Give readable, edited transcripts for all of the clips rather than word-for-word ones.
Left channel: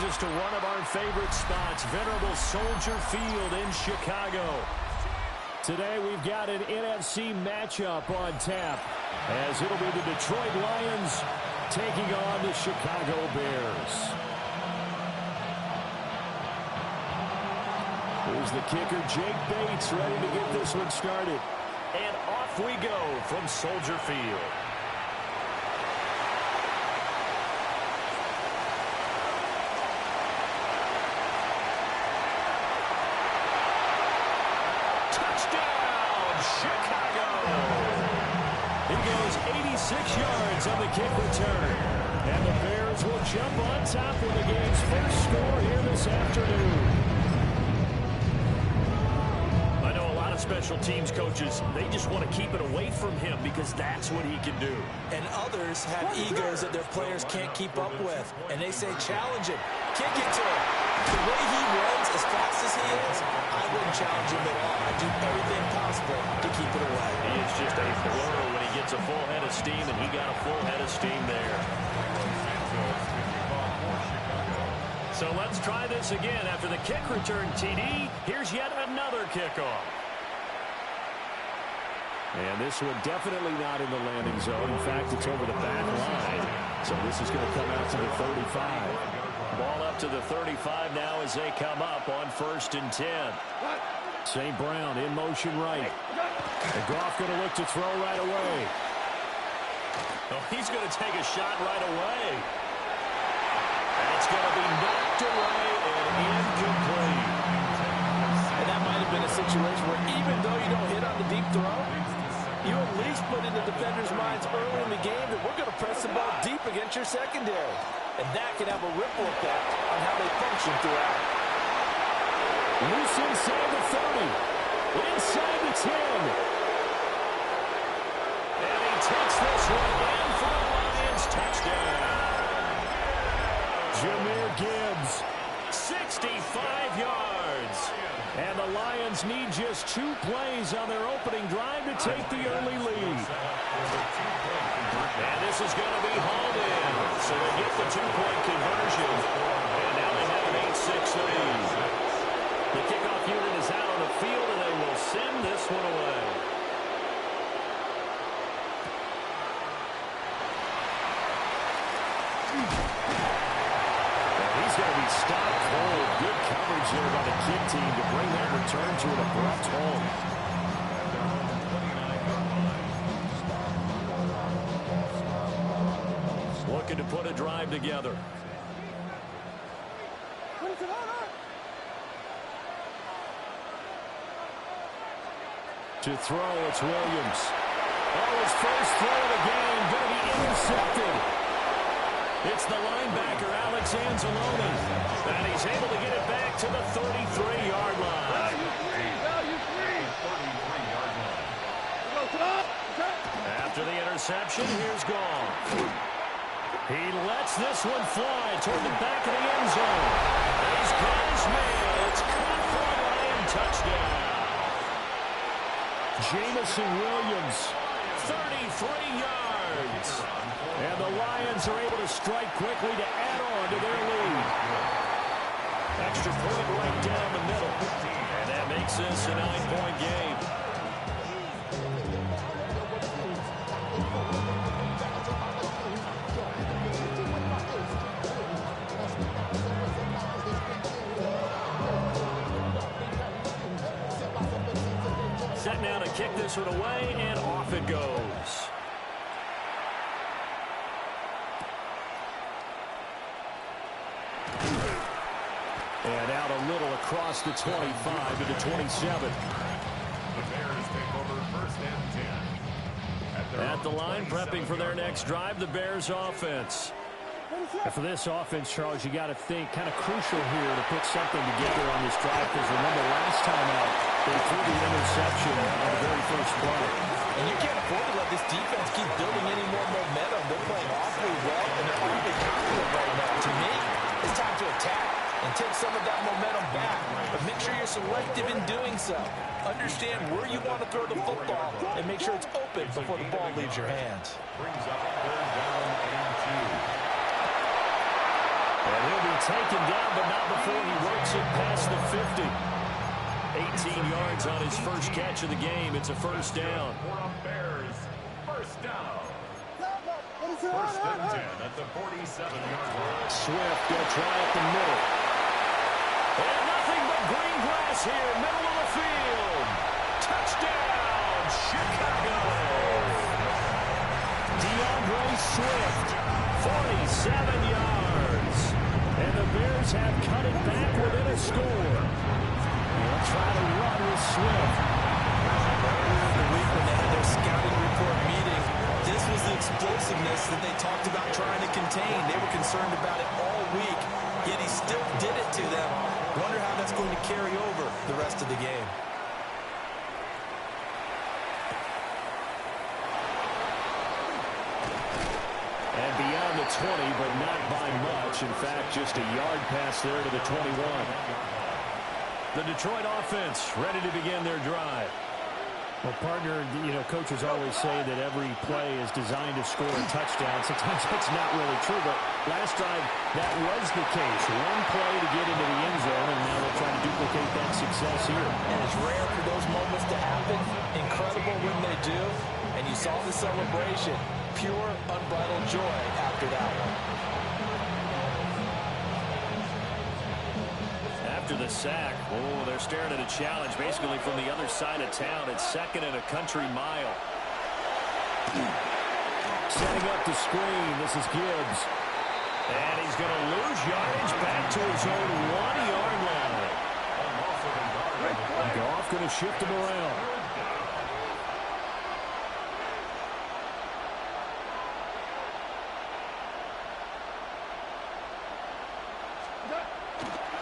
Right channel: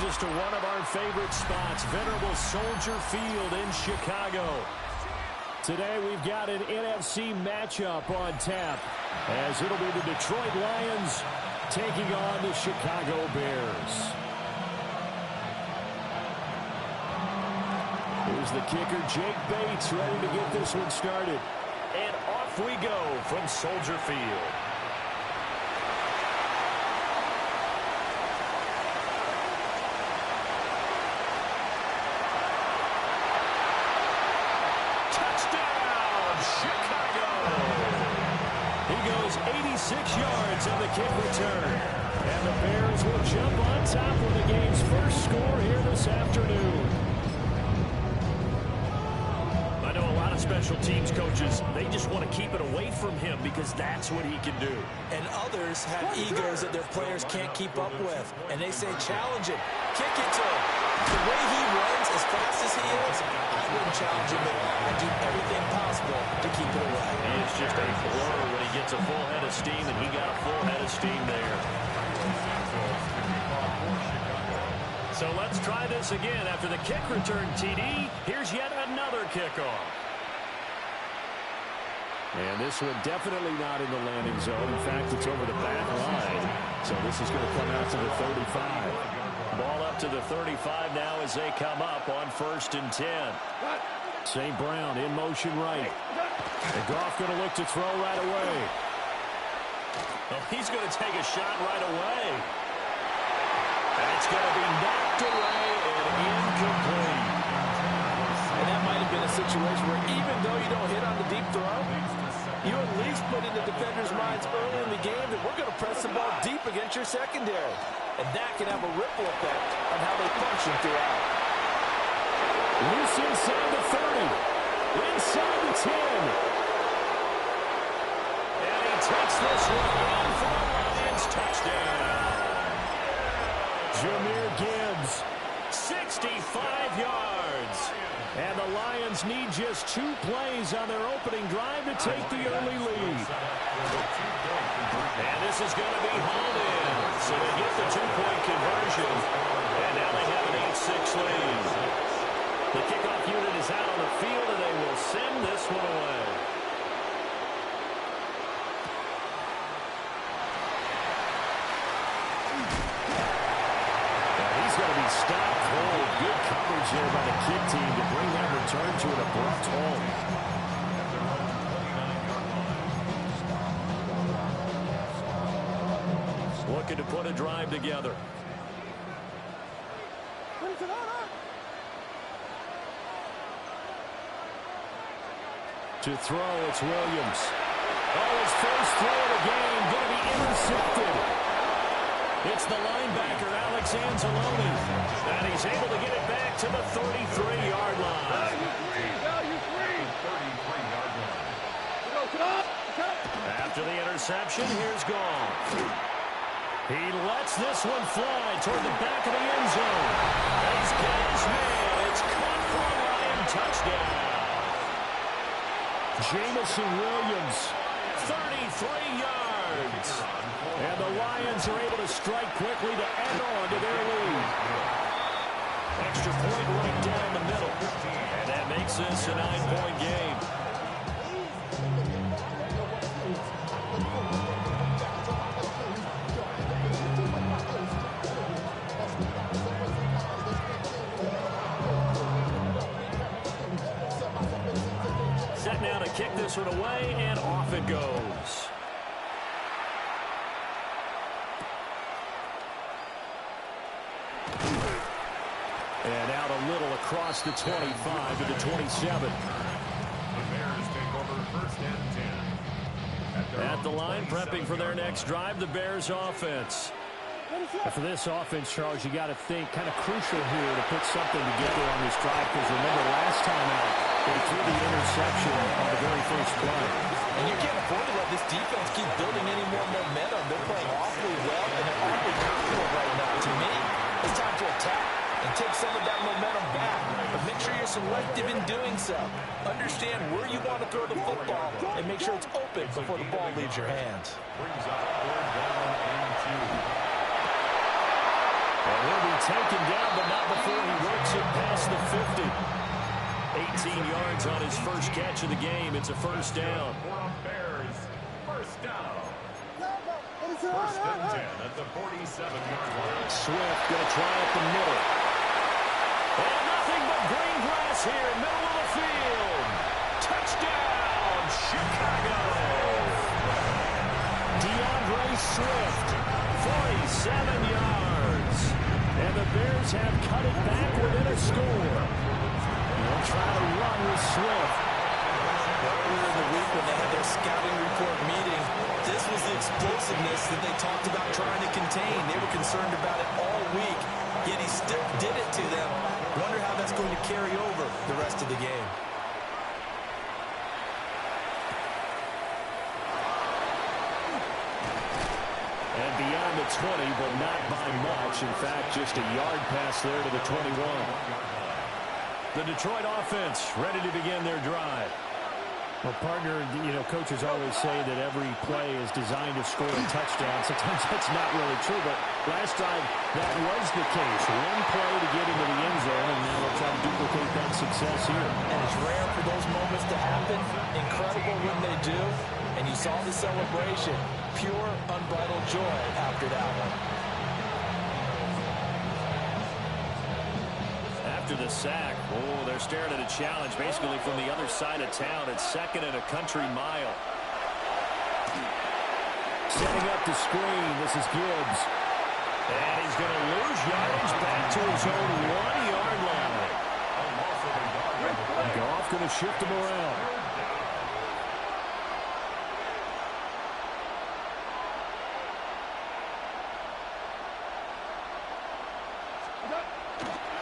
brings us to one of our favorite spots, venerable Soldier Field in Chicago. Today we've got an NFC matchup on tap, as it'll be the Detroit Lions taking on the Chicago Bears. Here's the kicker, Jake Bates, ready to get this one started. And off we go from Soldier Field. Touchdown, Chicago! He goes 86 yards on the kick return. And the Bears will jump on top with the game's first score here this afternoon. I know a lot of special teams coaches, they just want to keep it away from him because that's what he can do. And others have egos that their players can't keep up with. And they say, challenge him, kick it to him. The way he runs as fast as he is, I wouldn't challenge him at all. I'd do everything possible to keep it away. He is just a blur when he gets a full head of steam, and he got a full head of steam there. So let's try this again. After the kick return, TD, here's yet another kickoff. And this one definitely not in the landing zone. In fact, it's over the back line. So this is going to come out to the 35. Ball up to the 35 now as they come up on 1st and 10. St. Brown in motion right. And Goff going to look to throw right away. Oh, he's going to take a shot right away. And it's going to be knocked away and incomplete. And that might have been a situation where even though you don't hit on the deep throw, you at least put in the defenders' minds early in the game that we're going to press the ball deep against your secondary. And that can have a ripple effect on how they function throughout. Loose inside the 30. Inside the 10. And he takes this one in for a Lions touchdown. Jahmyr Gibbs, 65 yards. And the Lions need just 2 plays on their opening drive to take the early lead. And this is going to be hauled in. So they get the 2-point conversion. And now they have an 8-6 lead. The kickoff unit is out on the field, and they will send this one away. He's going to be stopped cold. Good coverage there by the kick team to bring that return to an abrupt halt. Looking to put a drive together. To throw, it's Williams. Oh, his first throw of the game going to be intercepted. It's the linebacker, Alex Anzalone. And he's able to get it back to the 33-yard line. After the interception, here's Goff. He lets this one fly toward the back of the end zone. And he's got his man. It's caught for a Lion touchdown. Jamison Williams, 33 yards. And the Lions are able to strike quickly to add on to their lead. Extra point right down the middle. And that makes this a 9-point game. Set now to kick this one away, and off it goes. And out a little across the 25 to the 27. The Bears take over 1st and 10. At the line, prepping for their next drive, the Bears offense. And for this offense, Charles, you got to think kind of crucial here to put something together on this drive, because remember last time out, they threw the interception on the very first play. And you can't afford to let this defense keep building any more momentum. They're playing awfully well, and they're awfully confident right now. To me, it's time to attack and take some of that momentum back. But make sure you're selective in doing so. Understand where you want to throw the football and make sure it's open before the ball leaves your hands. Brings up 3rd down and 2. And he'll be taken down, but not before he works it past the 50. 18 yards on his first catch of the game. It's a first down. Bears, first down. First and 10 at the 47-yard line. Swift going to try up the middle. And nothing but green grass here, middle of the field. Touchdown, Chicago. DeAndre Swift, 47 yards. And the Bears have cut it back within a score. They'll try to run with Swift. Earlier in the week when they had their scouting report meeting, this was the explosiveness that they talked about trying to contain. They were concerned about it all week, yet he still did it to them. Wonder how that's going to carry over the rest of the game. And beyond the 20, but not by much. In fact, just a yard pass there to the 21. The Detroit offense ready to begin their drive. Well, partner, you know, coaches always say that every play is designed to score a touchdown. Sometimes that's not really true, but last drive, that was the case. One play to get into the end zone, and now they'll try to duplicate that success here. And it's rare for those moments to happen. Incredible when they do. And you saw the celebration. Pure, unbridled joy after that one. After the sack, oh, they're staring at a challenge basically from the other side of town. It's second and a country mile. Setting up the screen, this is Gibbs. And he's going to lose yardage back to his own 1-yard line. Goff going to shift him around.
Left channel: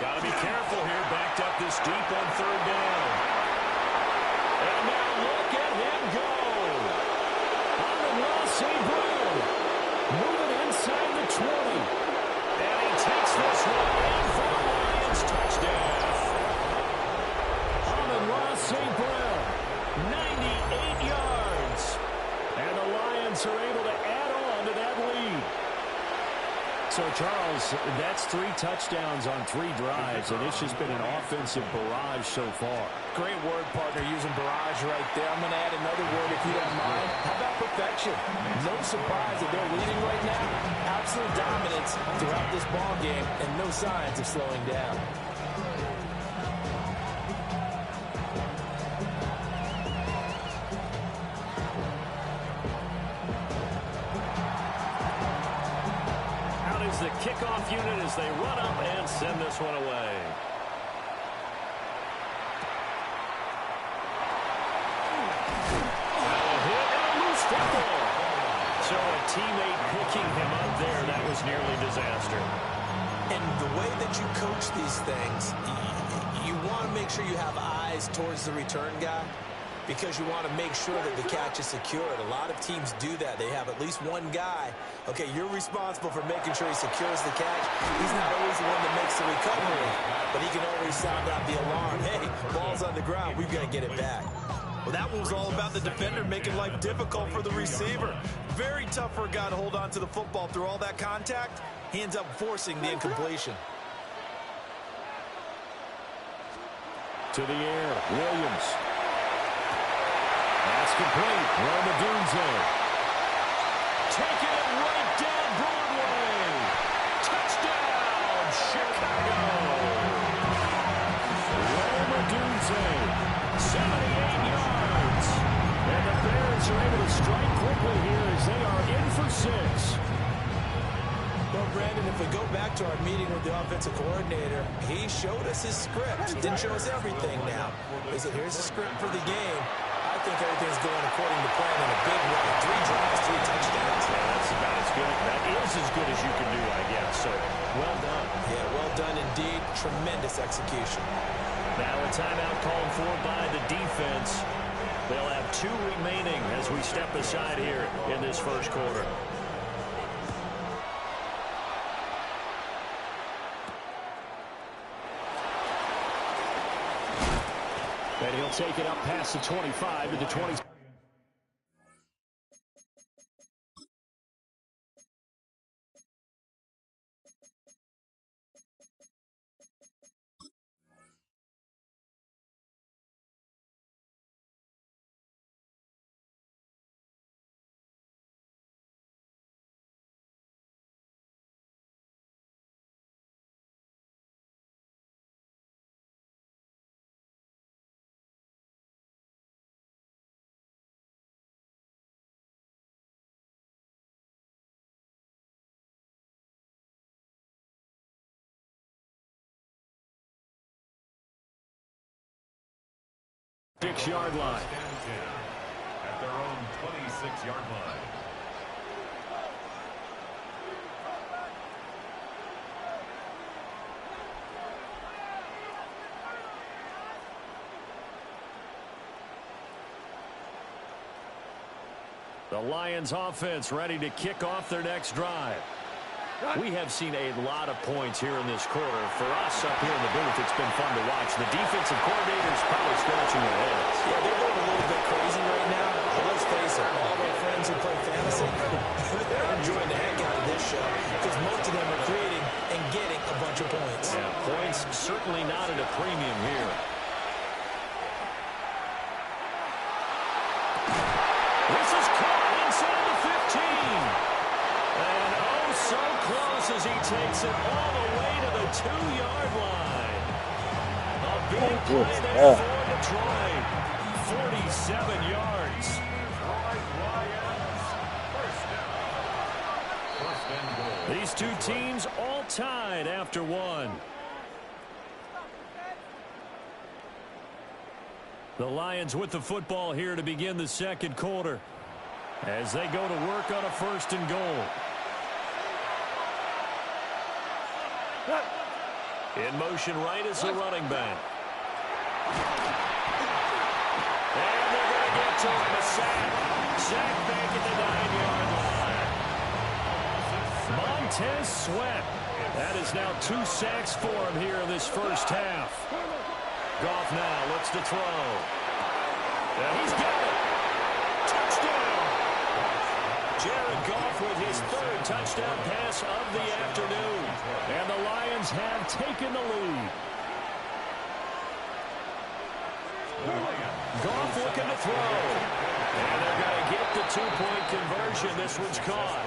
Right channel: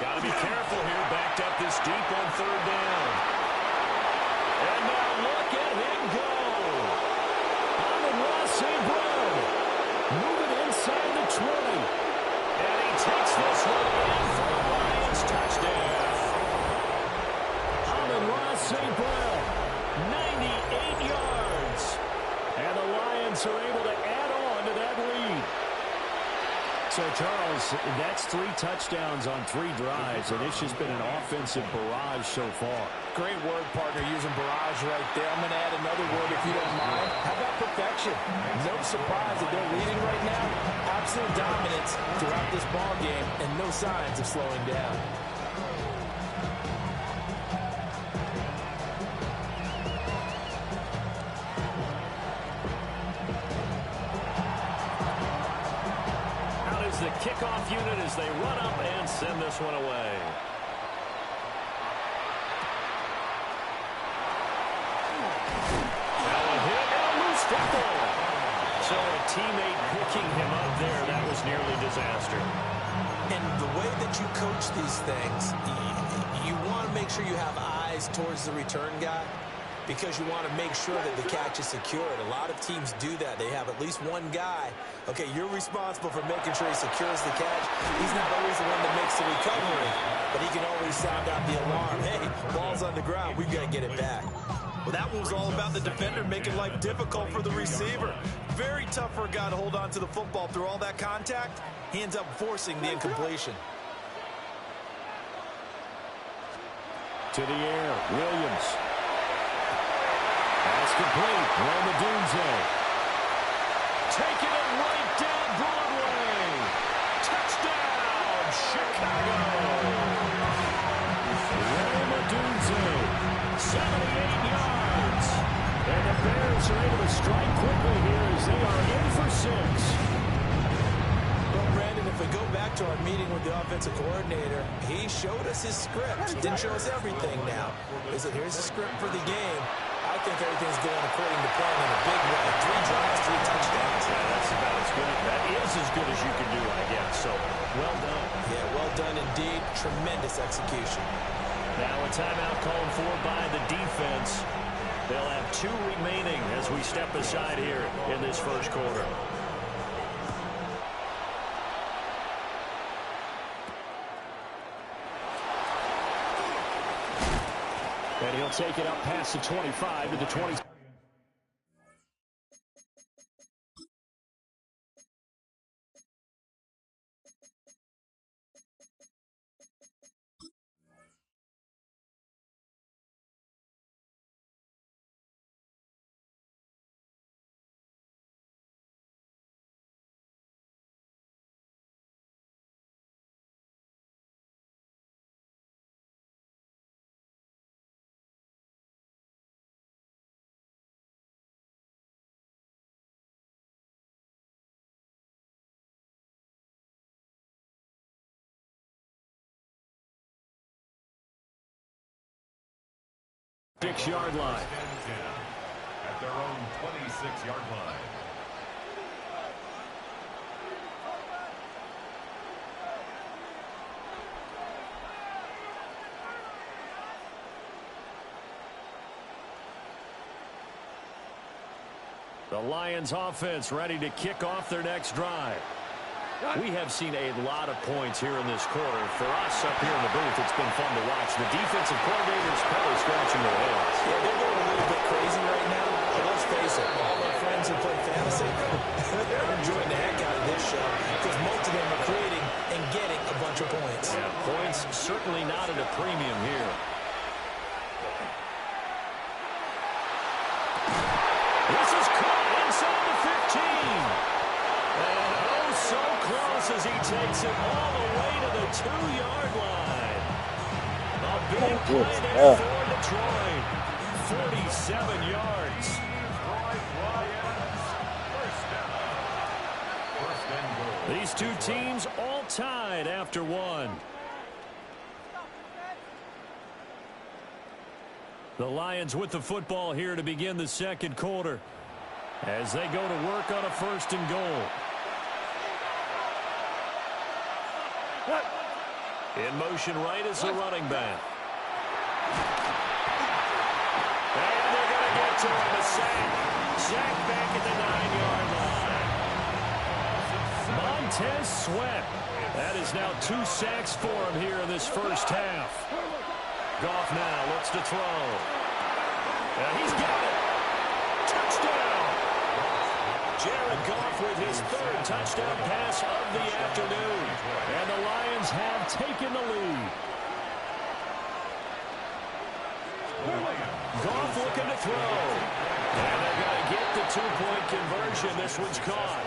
Got to be careful here, backed up this deep on third down. And now look at him go. Amon-Ra St. Brown moving inside the 20. And he takes this one in for the Lions touchdown. Amon-Ra St. Brown, 98 yards. And the Lions are able to add on to that lead. So, Charles, that's 3 touchdowns on 3 drives, and it's just been an offensive barrage so far. Great word, partner, using barrage right there. I'm going to add another word if you don't mind. How about perfection? No surprise that they're leading right now. Absolute dominance throughout this ball game, and no signs of slowing down. The kickoff unit as they run up and send this one away. Now a hit and a loose football. So a teammate picking him up there, that was nearly disaster. And the way that you coach these things, you want to make sure you have eyes towards the return guy, because you want to make sure that the catch is secured. A lot of teams do that. They have at least one guy. Okay, you're responsible for making sure he secures the catch. He's not always the one that makes the recovery, but he can always sound out the alarm. Hey, ball's on the ground. We've got to get it back. Well, that one was all about the defender making life difficult for the receiver. Very tough for a guy to hold on to the football through all that contact. He ends up forcing the incompletion. To the air, Williams. Pass complete. Roma Dunze. Taking it right down Broadway. Touchdown, Chicago. Roma Dunze, 78 yards. And the Bears are able to strike quickly here as they are in for 6. Well, Brandon, if we go back to our meeting with the offensive coordinator, he showed us his script. Didn't show us everything now. He said, here's the script for the game. I think everything's going according to plan in a big way. 3 drives, 3 touchdowns. Yeah, that's about as good. That is as good as you can do, I guess. So, well done. Yeah, well done indeed. Tremendous execution. Now a timeout called for by the defense. They'll have 2 remaining as we step aside here in this first quarter. And he'll take it up past the 25 to the 20. 6-yard line. First and 10 at their own 26-yard line. The Lions offense ready to kick off their next drive. We have seen a lot of points here in this quarter. For us up here in the booth, it's been fun to watch. The defensive coordinators probably scratching their heads. Yeah, they're going a little bit crazy right now. But let's face it, all our friends who play fantasy, they're enjoying the heck out of this show because most of them are creating and getting a bunch of points. Yeah, points certainly not at a premium here. This is caught inside the 15. And oh, so close as he takes it all the way to the 2-yard line. A big play there for Detroit. 47 yards. Detroit Lions. First down. First and goal. These two teams all tied after one. The Lions with the football here to begin the second quarter as they go to work on a first and goal. In motion right is the running back. And they're going to get to him. A sack. Sack back at the 9-yard line. Montez Sweat. That is now 2 sacks for him here in this first half. Goff now looks to throw. He's got it. Touchdown. Jared Goff with his 3rd touchdown pass of the afternoon. And the Lions have taken the lead. Goff looking to throw. And they're going to get the 2-point conversion. This one's caught.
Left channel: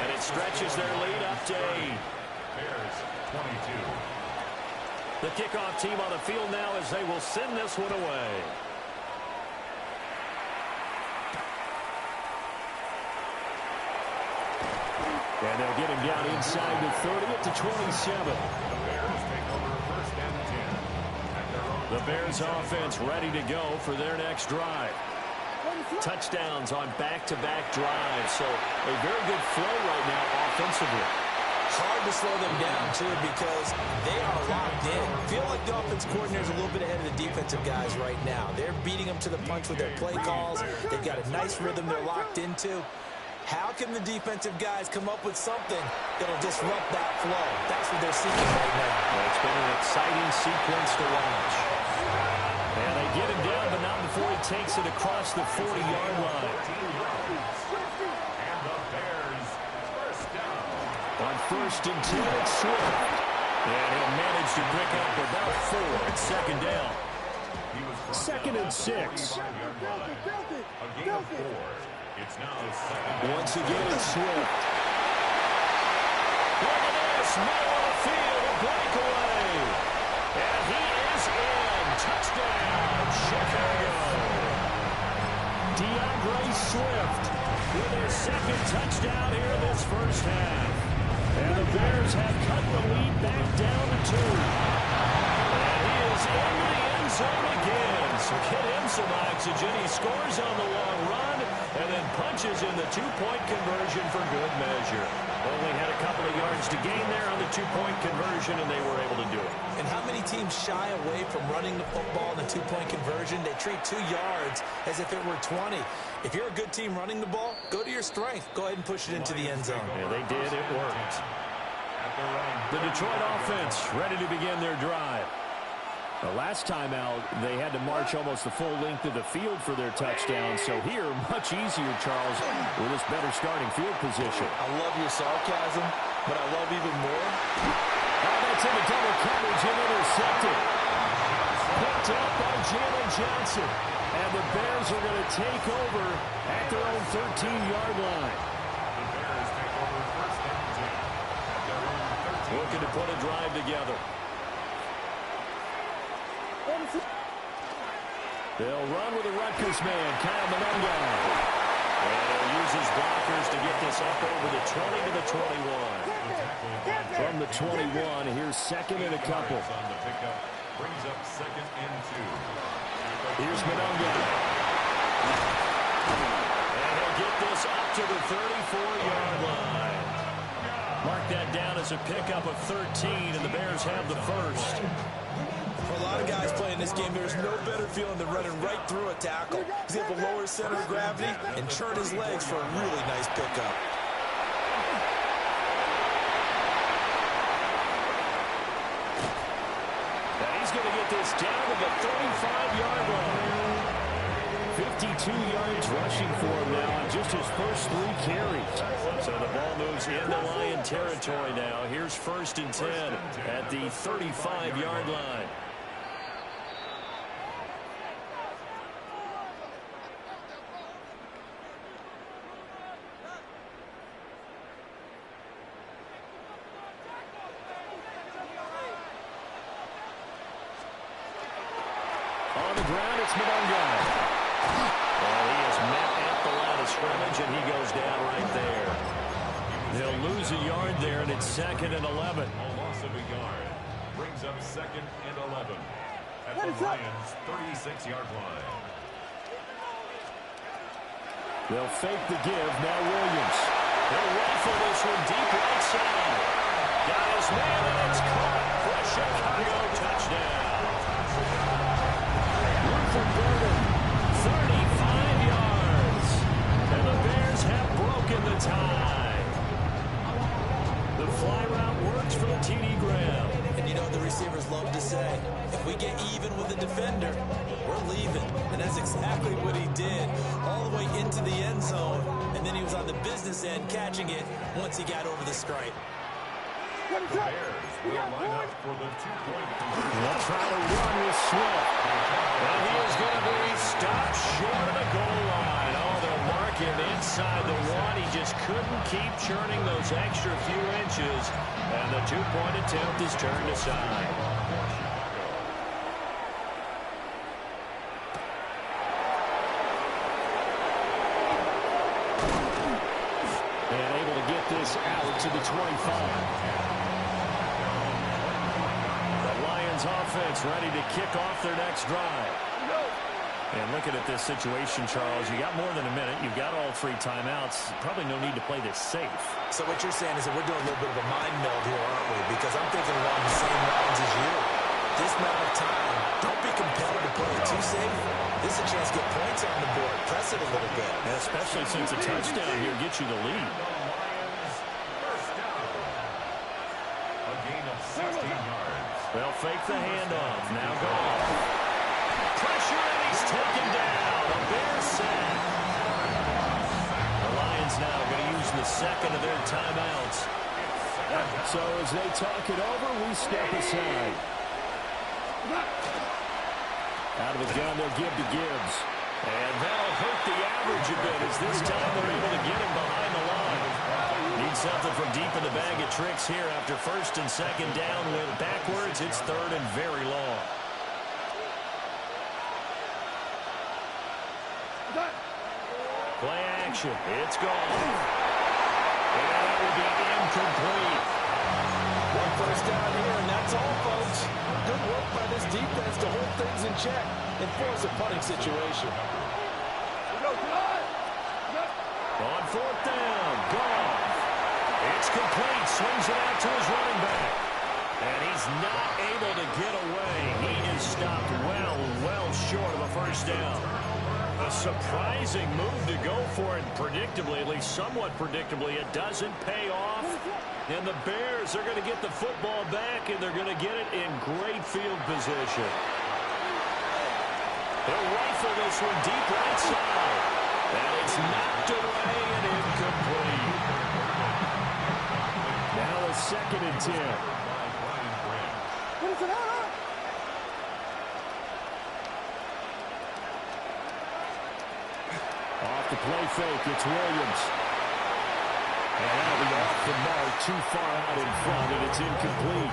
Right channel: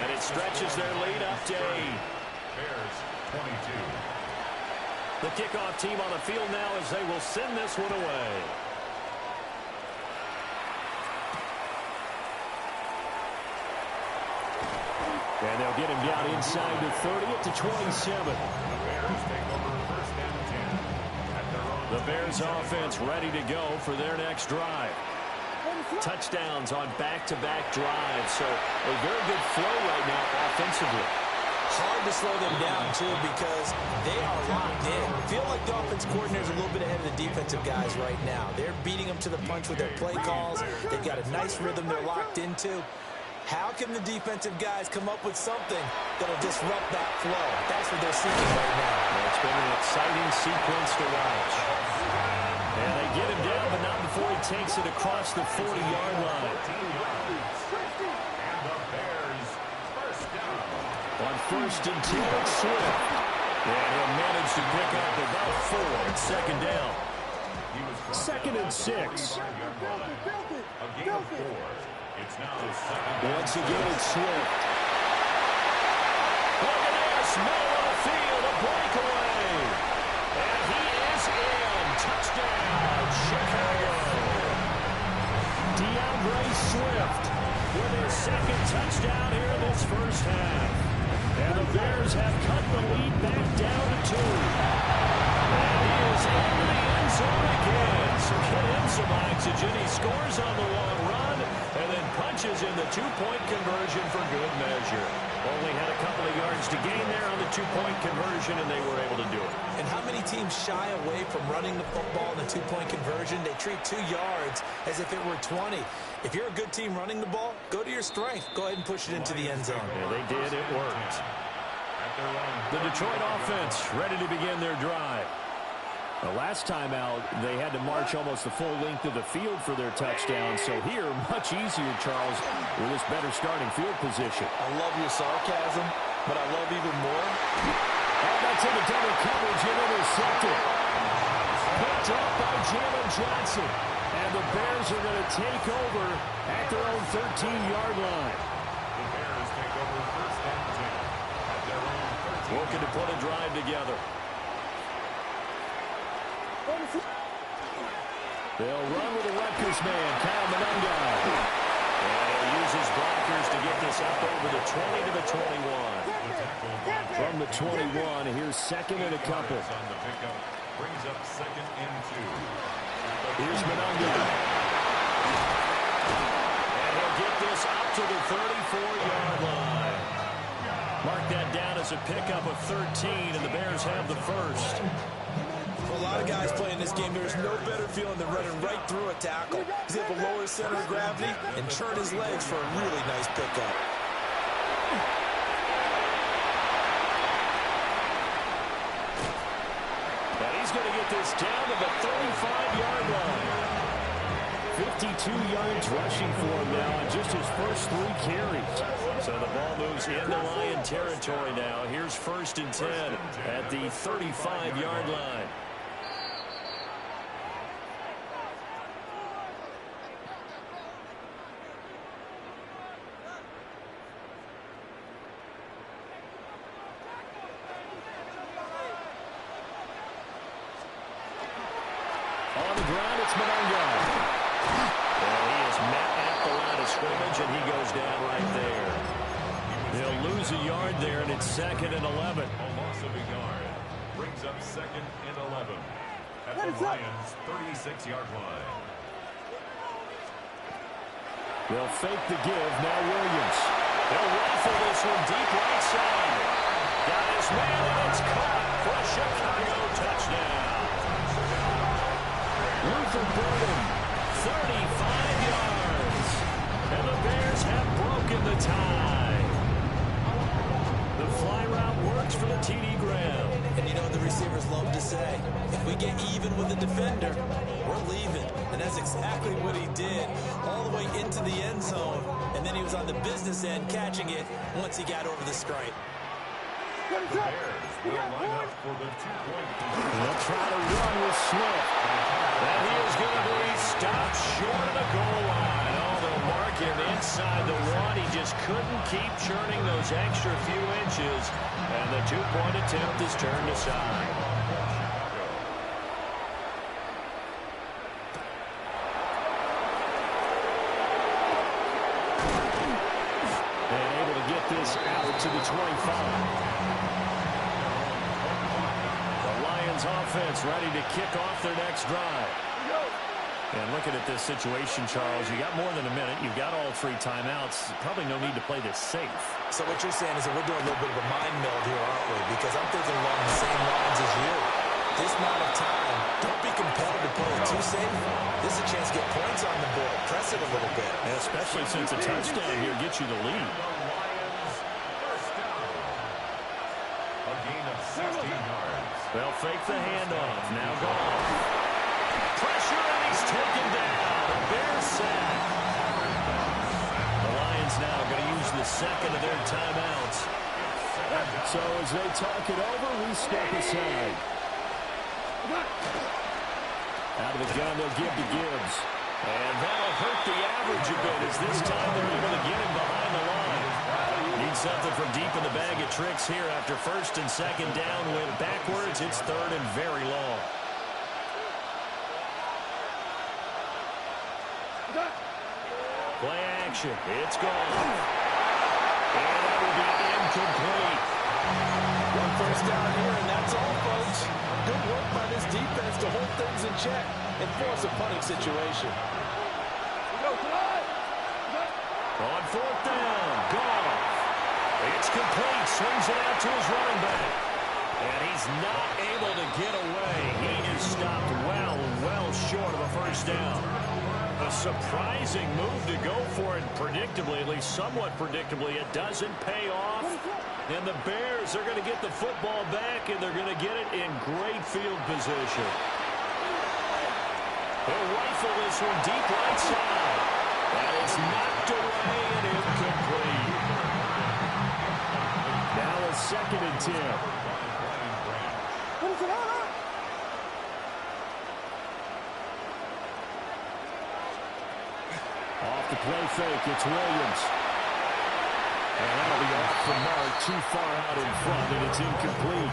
And it stretches their lead up to 8. Bears 22. The kickoff team on the field now as they will send this one away. And they'll get him down inside the 30 at the 27. The Bears take over first and 10 at their own. The Bears offense ready to go for their next drive. Touchdowns on back-to-back drives, so a very good flow right now offensively. Hard to slow them down, too, because they are locked in. Feel like the offense coordinator is a little bit ahead of the defensive guys right now. They're beating them to the punch with their play calls. They've got a nice rhythm they're locked into. How can the defensive guys come up with something that'll disrupt that flow? That's what they're seeking right now. It's been an exciting sequence to watch. And they get him down, but not before he takes it across the 40-yard line. And the Bears first down. On first and 10, it's Swift. And he'll manage to pick up about 4 at second down. He was brought 2nd down and 6. A gain of 4. It's now second down. Once again, it's Swift. Look at this. Middle of the field, a breakaway. And he is in. Touchdown, Chicago. DeAndre Swift with his 2nd touchdown here in this first half. And the Bears have cut the lead back down to 2. And he is into the end zone again. So get him some oxygen. He scores on the long run and then punches in the 2-point conversion for good measure. Only had a couple of yards to gain there on the 2-point conversion, and they were able to do it. And how many teams shy away from running the football in the 2-point conversion? They treat 2 yards as if it were 20. If you're a good team running the ball, go to your strength. Go ahead and push it into the end zone. Yeah, they did. It worked. The Detroit offense ready to begin their drive. The last time out, they had to march almost the full length of the field for their touchdown. So here, much easier, Charles, with this better starting field position. I love your sarcasm, but I love even more. Oh, that's into double coverage and intercepted. Picked up by Jalen Johnson. And the Bears are going to take over at their own 13-yard line. The Bears take over first and 10 at their own 13. Looking to put a drive together. They'll run with a Rutgers man, Kyle Monungai. And he'll use his blockers to get this up over the 20 to the 21. From the 21, here's 2nd and a couple. On the pickup, brings up 2nd and 2. Here's Madden. And he'll get this up to the 34-yard line. Mark that down as a pickup of 13, and the Bears have the first. For a lot of guys playing this game, there's no better feeling than running right through a tackle. He's able to lower his center of gravity and turn his legs for a really nice pickup. And he's going to get this down to the 35-yard line. 52 yards rushing for him now on just his first 3 carries. So the ball moves into Lion territory now. Here's 1st and 10 at the 35-yard line. On the ground, it's Madden. And he is met at the line of scrimmage, and he goes down right there. They'll lose a yard there, and it's 2nd and 11. A loss of a yard brings up 2nd and 11 at the Lions' 36-yard line. They'll fake the give. Now Williams. He'll rifle this one deep right side. Got his man, and it's caught for a Chicago touchdown. Luther Burden, 35 yards. And the Bears have broken the tie. The fly route works for the TD Graham. And you know what the receivers love to say? If we get even with the defender, we're leaving. And that's exactly what he did. All the way into the end zone. And then he was on the business end catching it once he got over the stripe. The Bears will line up for the 2-point conversion. They'll try to run with Swift. And he is going to be stopped short of the goal line. Oh, they'll mark him inside the 1. He just couldn't keep churning those extra few inches. And the 2-point attempt is turned aside. And able to get this out to the 25. Offense ready to kick off their next drive. And looking at this situation, Charles, you got more than a minute. You've got all 3 timeouts. Probably no need to play this safe. So what you're saying is that we're doing a little bit of a mind meld here, aren't we? Because I'm thinking along the same lines as you. This amount of time, don't be compelled to play it too safe. This is a chance to get points on the board. Press it a little bit. And especially since a touchdown here gets you the lead. The Lions, first down. A gain of 16 yards. They'll fake the handoff. Now Goff. Pressure, and he's taken down. A Bears sack. The Lions now going to use the 2nd of their timeouts. So as they talk it over, we step aside. Out of the gun, they'll give to Gibbs. And that'll hurt the average a bit as this time they're able to get him behind the line. Need something from deep in the bag of tricks here after 1st and 2nd down. Went backwards. It's 3rd and very long. Play action. It's gone. And that will be incomplete. 1 first down here, and that's all, folks. Good work by this defense to hold things in check and force a punting situation. On 4th down, Goff. It's complete. Swings it out to his running back. And he's not able to get away. He is stopped well short of a first down. A surprising move to go for it predictably, at least somewhat predictably. It doesn't pay off. And the Bears are going to get the football back, and they're going to get it in great field position. They'll rifle this one deep right side. And it's knocked away and incomplete. Now a 2nd and 10. Off the play fake, it's Williams. And that'll be off the mark, too far out in front, and it's incomplete.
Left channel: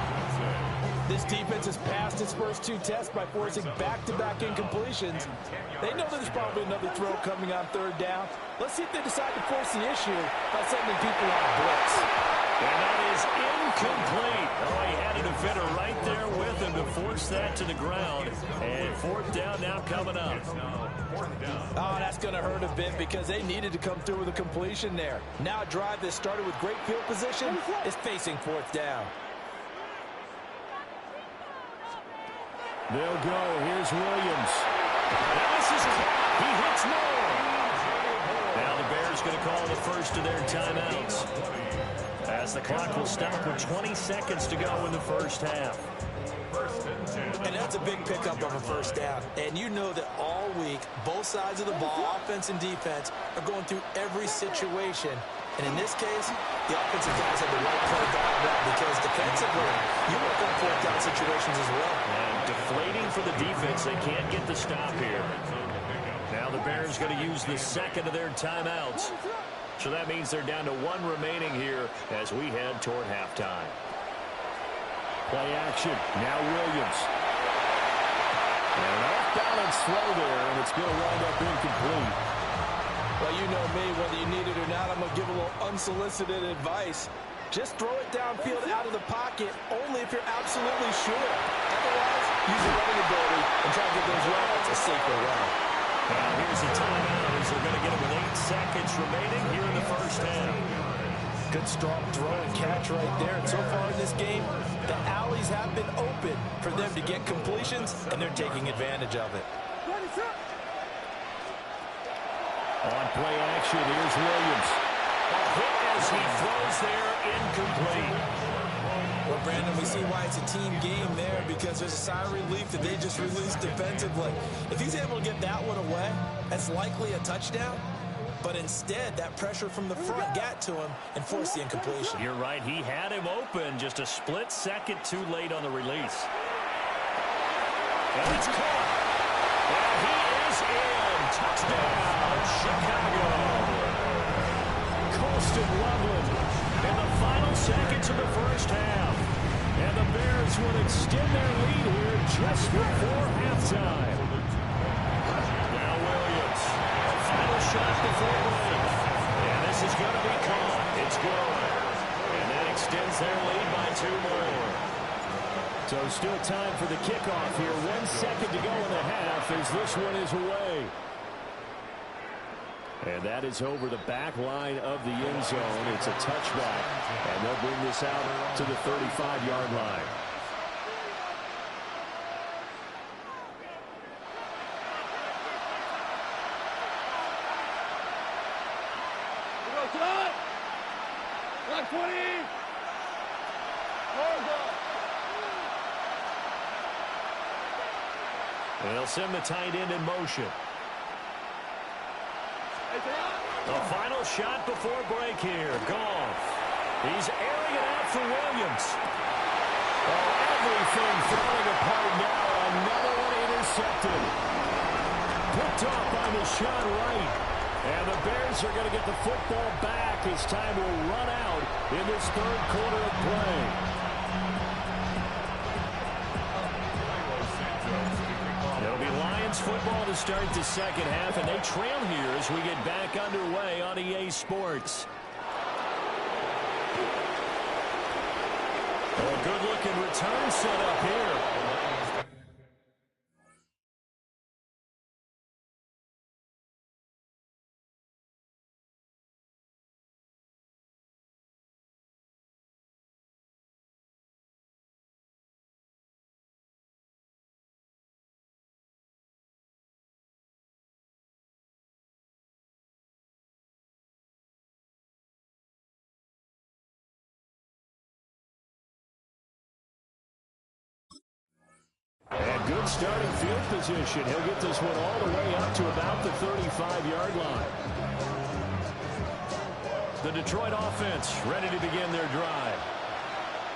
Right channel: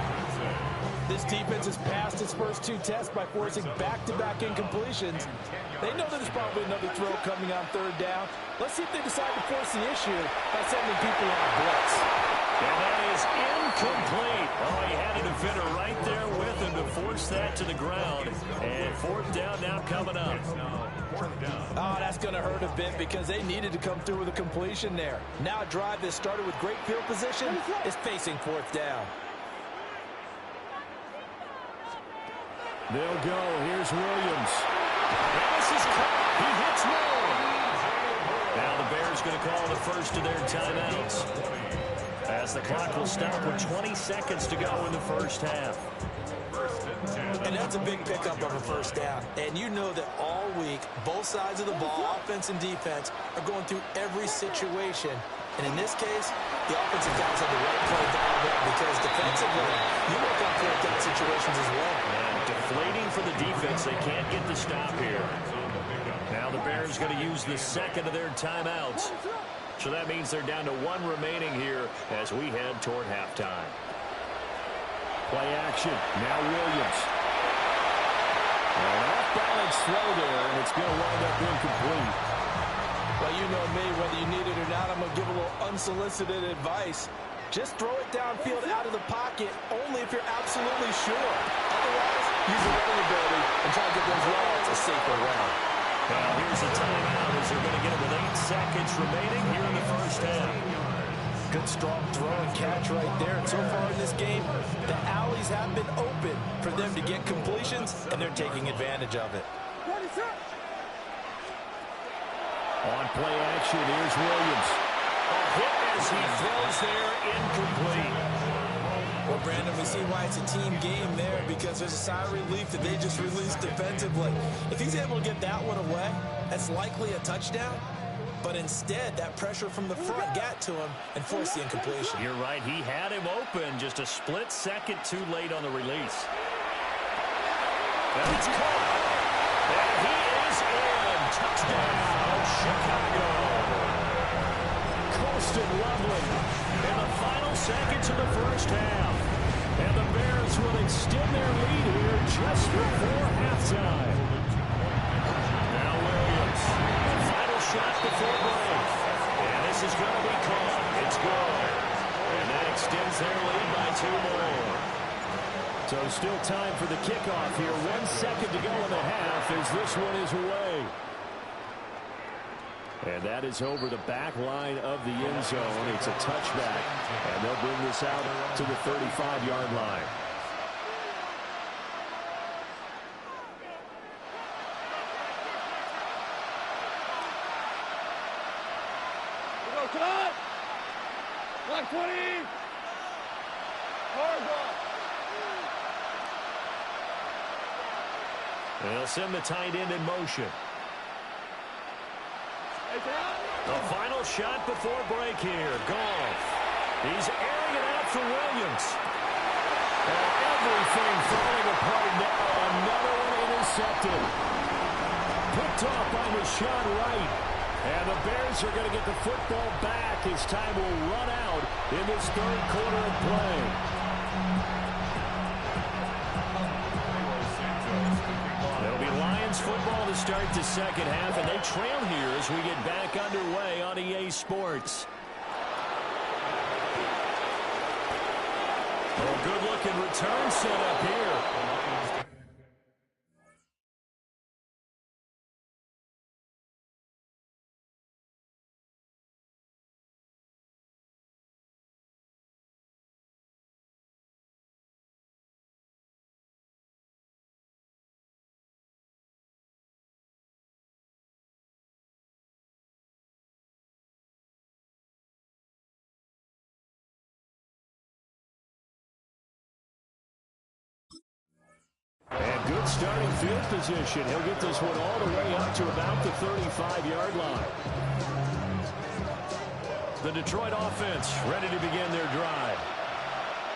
This defense has passed its first 2 tests by forcing back-to-back incompletions. They know that there's probably another throw coming on 3rd down. Let's see if they decide to force the issue by sending people on a blitz. And that is incomplete. Oh, he had a defender right there with him to force that to the ground. And fourth down now coming up. Oh, that's going to hurt a bit because they needed to come through with a completion there. Now a drive that started with great field position is facing fourth down. They'll go. Here's Williams. And this is caught. He hits more. Now the Bears going to call the first of their timeouts, as the clock will stop with 20 seconds to go in the first half. And that's a big pickup of a first down. And you know that all week, both sides of the ball, offense and defense, are going through every situation. And in this case, the offensive guys have the right play dialed up because defensively, you work on fourth down situations as well. And deflating for the defense. They can't get the stop here. Now the Bears going to use the second of their timeouts. So that means they're down to one remaining here as we head toward halftime. Play action. Now Williams. An off-balance throw there, and it's going to wind up incomplete. Well, you know me, whether you need it or not, I'm going to give a little unsolicited advice. Just throw it downfield out of the pocket only if you're absolutely sure. Otherwise, use your running ability and try to get those yards a safer way. Now here's a timeout as they're going to get it with 8 seconds remaining here in the first half. Good strong throw and catch right there. And so far in this game, the alleys have been open for them to get completions, and they're taking advantage of it. On play action, here's Williams. A hit as he throws there, incomplete. Well, Brandon, we see why it's a team game there because there's a sigh of relief that they just released defensively. If he's able to get that one away, that's likely a touchdown. But instead, that pressure from the front got to him and forced the incompletion. You're right. He had him open just a split second too late on the release. And it's caught. And he is in. Touchdown, Chicago. Colston Loveland in the final seconds of the first half. And the Bears will extend their lead here just before halftime. Now Williams. A final shot before break. And this is going to be caught. It's good. And that extends their lead by 2 more. So still time for the kickoff here. 1 second to go in the half as this one is away. And that is over the back line of the end zone. It's a touchback. And they'll bring this out to the 35-yard line. Clock 20. They'll send the tight end in motion. The final shot before break here. Goff. He's airing it out for Williams. Oh, everything falling apart now. Another one intercepted. Picked off by Deshaun Wright. And the Bears are going to get the football back as time will run out in this third quarter of play. It'll be Lions football to start the second half, and they trail here as we get back underway on EA Sports. Oh, a good-looking return set up here. And good starting field position. He'll get this one all the way up to about the 35-yard line. The Detroit offense ready to begin their drive.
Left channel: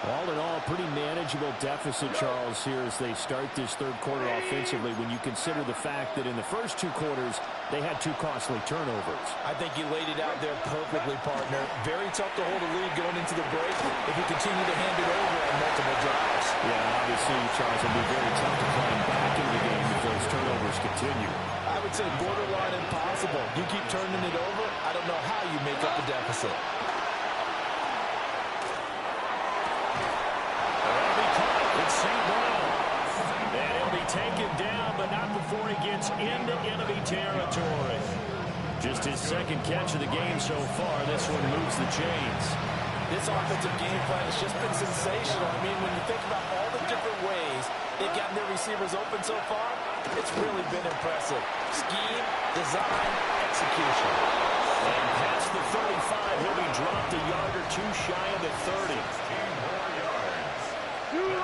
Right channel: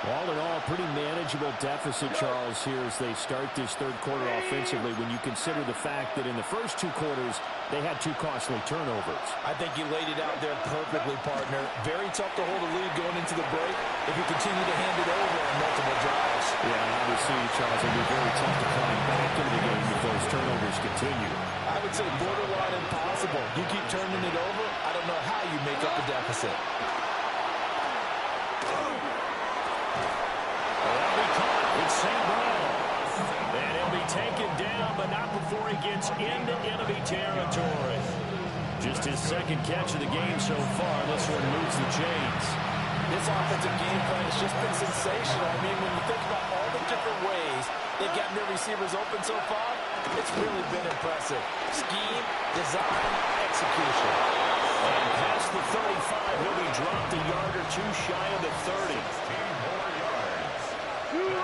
All in all, pretty manageable deficit, Charles, here as they start this third quarter offensively when you consider the fact that in the first 2 quarters, they had 2 costly turnovers. I think you laid it out there perfectly, partner. Very tough to hold a lead going into the break if you continue to hand it over on multiple drives. Yeah, and obviously, Charles, it'll be very tough to climb back into the game if those turnovers continue. I would say borderline impossible. You keep turning it over, I don't know how you make up the deficit. St. Brown. And he'll be taken down, but not before he gets into enemy territory. Just his second catch of the game so far. This one moves the chains. This offensive game plan has just been sensational. I mean, when you think about all the different ways they've gotten their receivers open so far, it's really been impressive. Scheme, design, execution. And past the 35, he'll be dropped a yard or two shy of the 30. 16 more yards.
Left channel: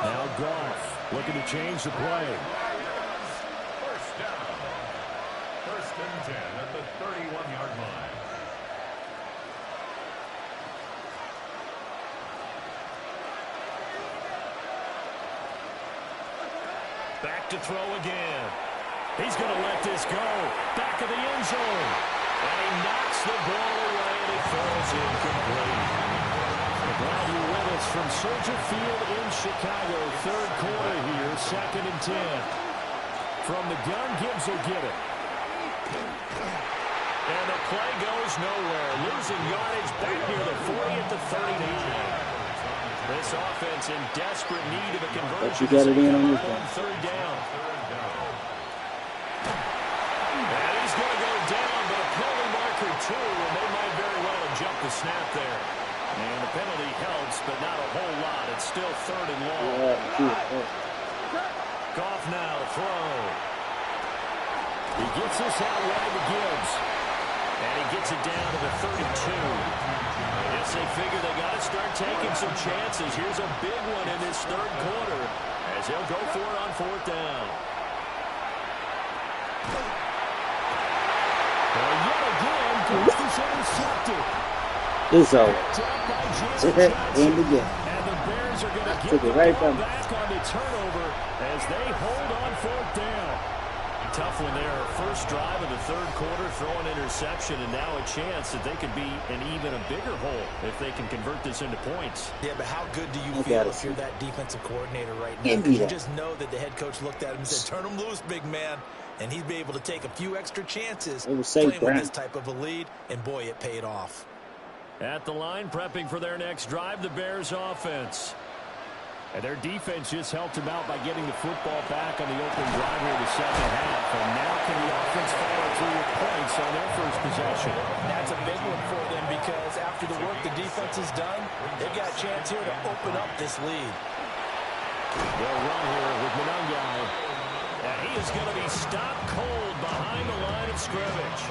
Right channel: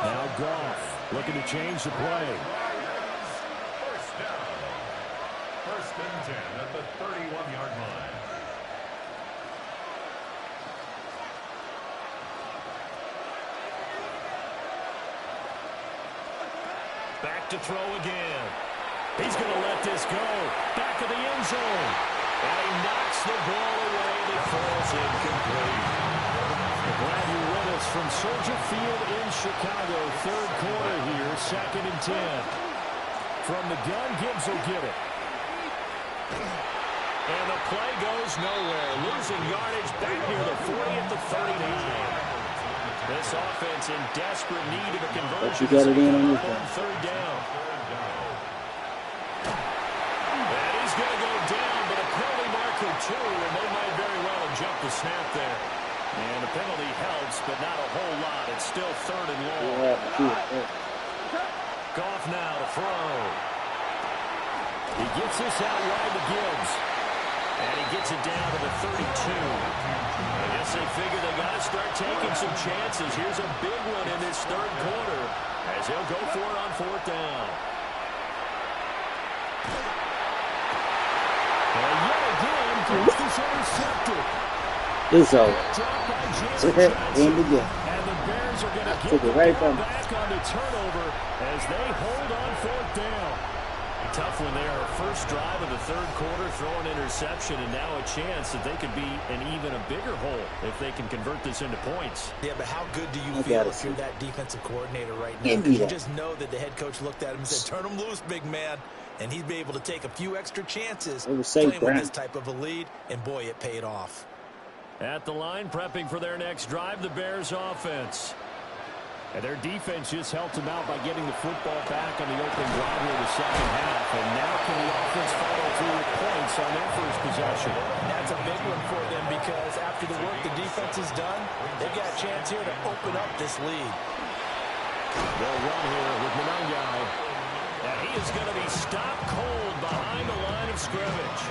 Now Goff looking to change the play. First down. First and 10 at the 31-yard line. Back to throw again. He's going to let this go. Back of the end zone. And he knocks the ball away, and it falls incomplete. We're glad you're with us from Soldier Field in Chicago. Third quarter here, 2nd and 10. From the gun, Gibbs will get it. And the play goes nowhere. Losing yardage back near the 40 at the 39. This offense in desperate need of a conversion. But you got it in on your on third down. And he's going to go down, but a penalty marker too, and they might very well have jumped the snap there. And the penalty helps, but not a whole lot. It's still 3rd and long. Goff now to throw. He gets this out wide to Gibbs. And he gets it down to the 32. I guess they figure they got to start taking some chances. Here's a big one in this third quarter as he'll go for it on 4th down. And yet again, Gibbs is intercepted. It's over. And the Bears are going to get the ball back on the turnover as they hold on 4th down. Tough one there. First drive of the third quarter, throw an interception, and now a chance that they could be in even a bigger hole if they can convert this into points. Yeah, but how good do you feel if you're that defensive coordinator right now? Because you just know that the head coach looked at him and said, turn him loose, big man. And he'd be able to take a few extra chances playing with this type of a lead, and boy, it paid off. At the line, prepping for their next drive, the Bears offense. And their defense just helped them out by getting the football back on the opening drive here in the second half. And now can the offense follow through with points on their first possession? That's a big one for them because after the work the defense has done, they've got a chance here to open up this lead. They'll run here with Manungai. And he is going to be stopped cold behind the line of scrimmage.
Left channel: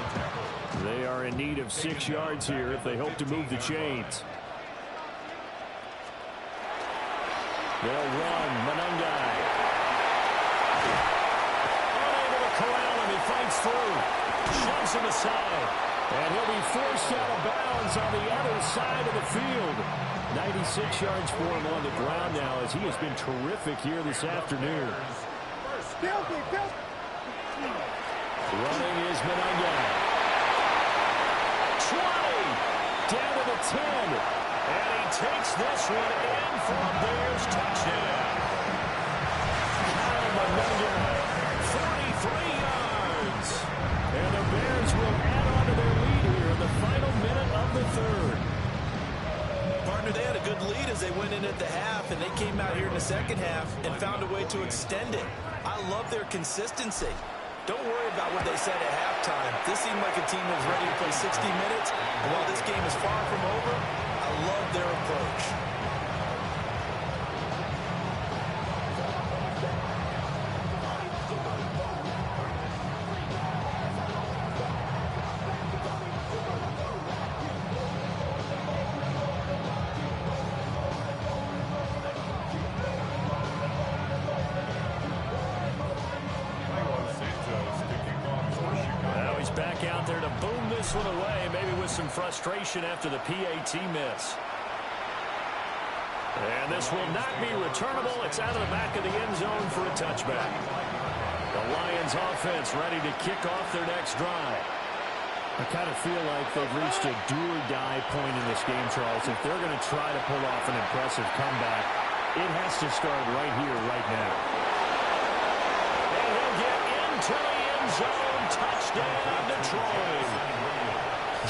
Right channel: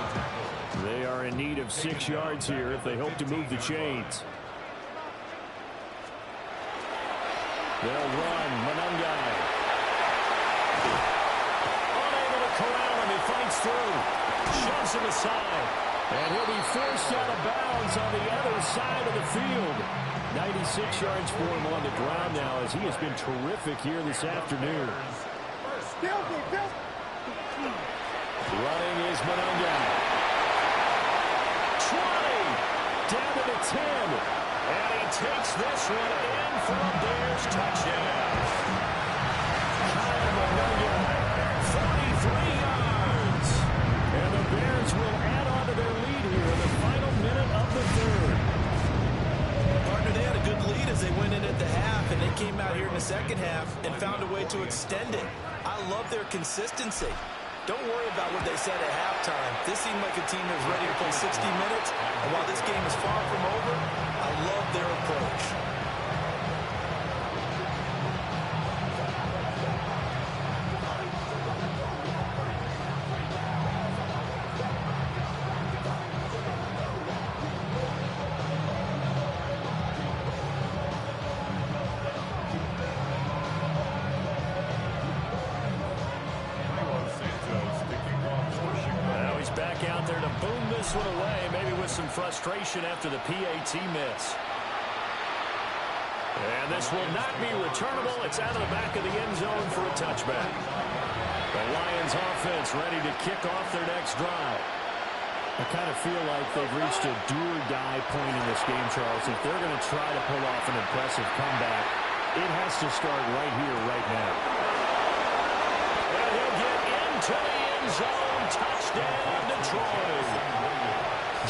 They are in need of 6 yards here if they hope to move the chains. They'll run. Manungai. Unable to corral him. He fights through. Shoves him aside. And he'll be forced out of bounds on the other side of the field. 96 yards for him on the ground now as he has been terrific here this afternoon. Running is Manungai. 20. Down to the 10. And he takes this one in for a Bears touchdown. Kyle Manungai, 43 yards. And the Bears will add on to their lead here in the final minute of the third. Partner, they had a good lead as they went in at the half, and they came out here in the second half and found a way to extend it. I love their consistency. Don't worry about what they said at halftime. This seemed like a team that was ready to play 60 minutes, and while this game is far from over, I love their approach. Now he's back out there to boom this one away, maybe with some frustration after the PAT miss. And this will not be returnable. It's out of the back of the end zone for a touchback. The Lions offense ready to kick off their next drive. I kind of feel like they've reached a do-or-die point in this game, Charles. If they're going to try to pull off an impressive comeback, it has to start right here, right now. And he'll get into the end zone. Touchdown, Detroit.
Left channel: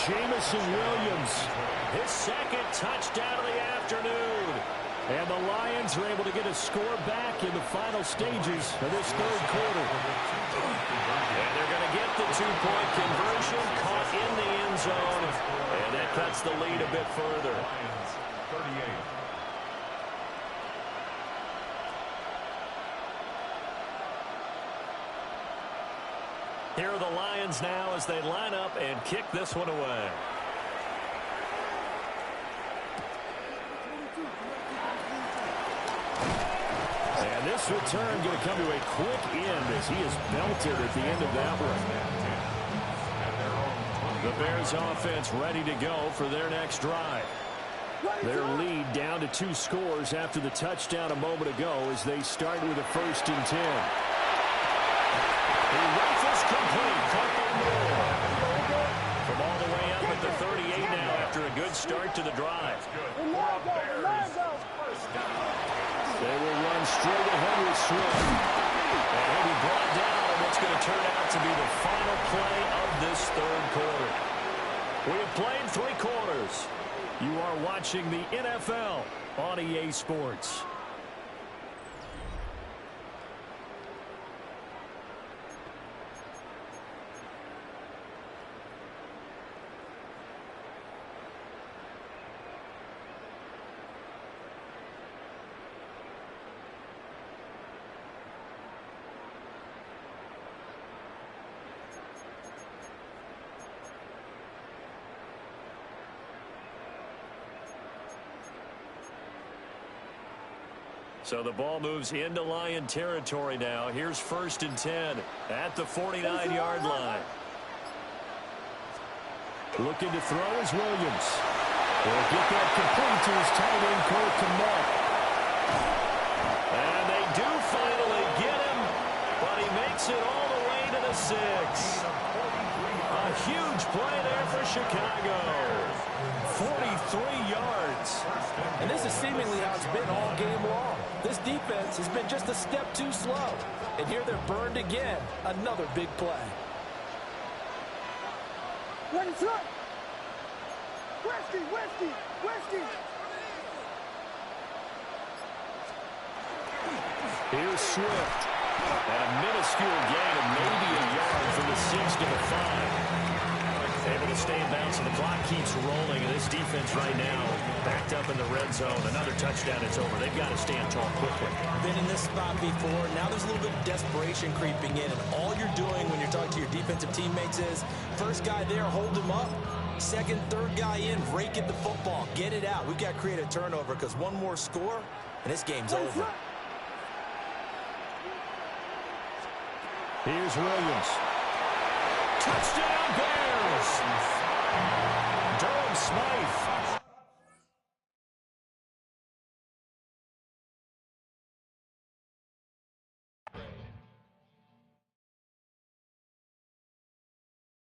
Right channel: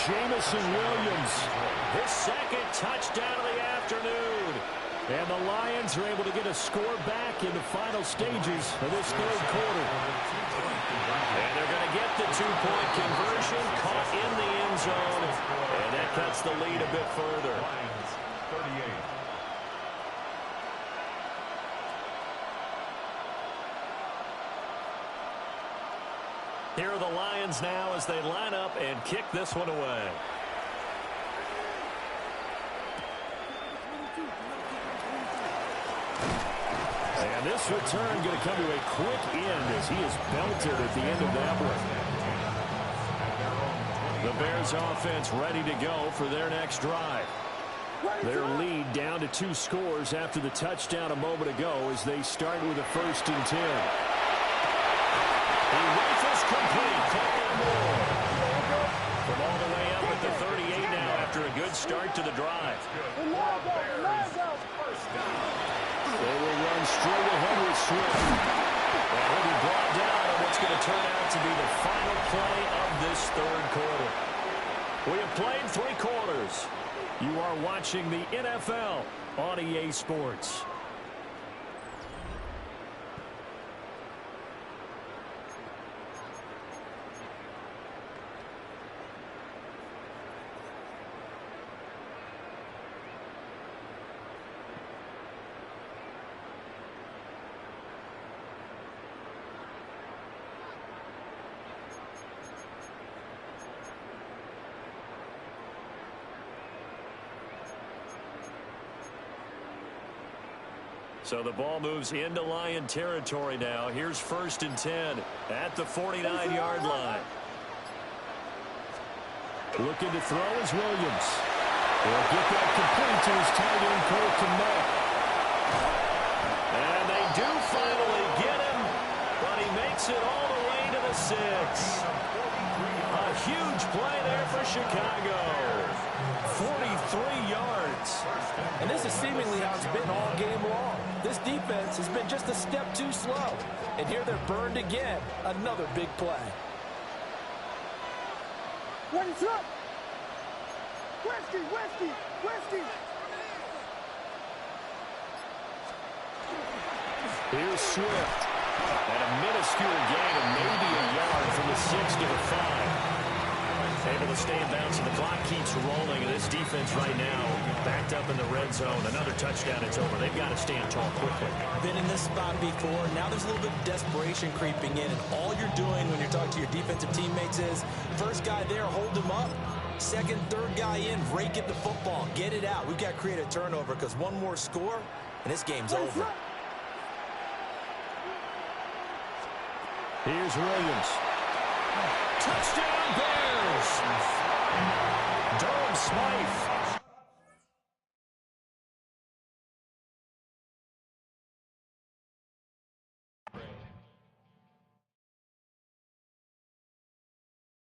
Jamison Williams, his second touchdown of the afternoon. And the Lions are able to get a score back in the final stages of this third quarter. And they're going to get the two-point conversion, caught in the end zone, and that cuts the lead a bit further. Lions 38. Here are the Lions now as they line up and kick this one away. And this return going to come to a quick end as he is belted at the end of that one. The Bears offense ready to go for their next drive. Their lead down to 2 scores after the touchdown a moment ago as they start with a 1st and 10. He rifles complete. Caught by Moore. From all the way up at the 38 now after a good start to the drive. They will run straight ahead with Swift. And he'll be brought down on what's going to turn out to be the final play of this third quarter. We have played 3 quarters. You are watching the NFL on EA Sports. So the ball moves into Lion territory now. Here's 1st and 10 at the 49-yard line. Looking to throw is Williams. He'll get that complete to his tight end, Cole Kmet. And they do finally get him, but he makes it all the way to the 6. A huge play there for Chicago. 43 yards. And this is seemingly how it's been all game long. This defense has been just a step too slow. And here they're burned again. Another big play. Here's Swift. And a minuscule gain of maybe a yard from the 6 to the 5. Able to stay in bounds, and the clock keeps rolling. And this defense right now backed up in the red zone. Another touchdown, it's over. They've got to stand tall quickly. Been in this spot before. Now there's a little bit of desperation creeping in. And all you're doing when you're talking to your defensive teammates is, first guy there, hold him up. Second, third guy in, rake at the football. Get it out. We've got to create a turnover because one more score, and this game's over. Here's Williams. Touchdown, Bears! Durham Smythe